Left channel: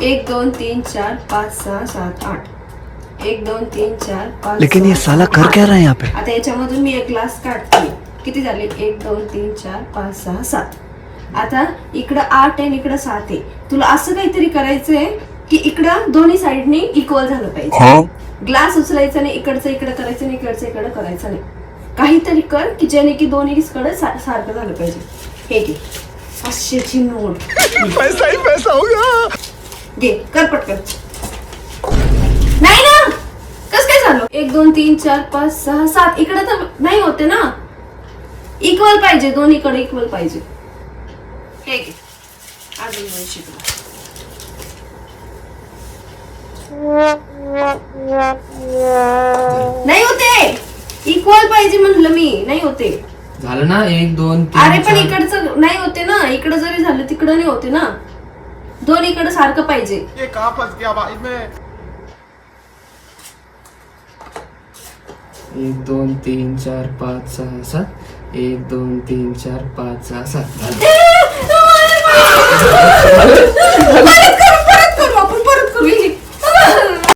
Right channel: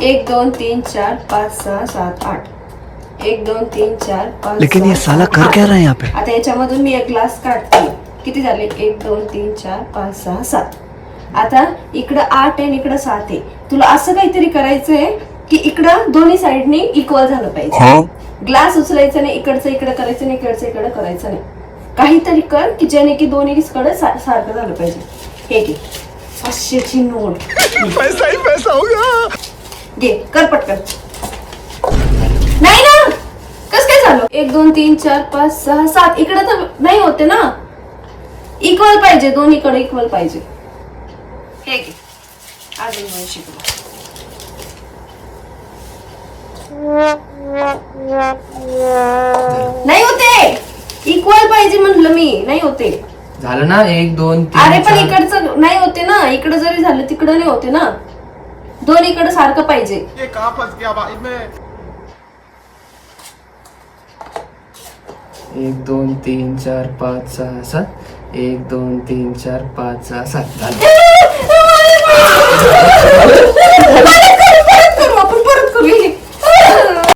1 2 3 4 5 6 7 8. 1 2 3 4 5. लेकिन ये साला कर क्या रहा है यहाँ पे? आता याच्यामधून मी एक ग्लास काढते. किती झाले? 1 2 3 4 5 6 7. आता इकडं 8 आहे इकडं 7 आहे. तुला असं काहीतरी करायचंय की इकडं दोन्ही साईडनी इक्वल झालं पाहिजे. ग्लास उचलायचं नाही, इकडचं इकडं करायचं नाही, इकडचं इकडं करायचं नाही. काहीतरी कर की ज्याने की दोन्ही कडे सारखं झालं पाहिजे. हे घे 500ची नोट. पैसा ही पैसा होगा. घे कर पटकन. नाही ना, कस काय झालं? 1 2 3 4 5 6 7 इकडे तर नाही होते ना. इक्वल पाहिजे, दोन्हीकडे इक्वल पाहिजे. हे घे अजून 2 शिकलो. नाही होते, इक्वल पाहिजे म्हटलं मी. नाही होते. झालं ना 1 2 3. अरे पण इकडचं नाही होते ना. इकडे जरी झालं तिकडं नाही होते ना. दोन्हीकडे सारखं पाहिजे. ये कहाँ फंस गया भाई मैं. 1 2 3 4 5 6 7. 1 2 3 4 5 6 7.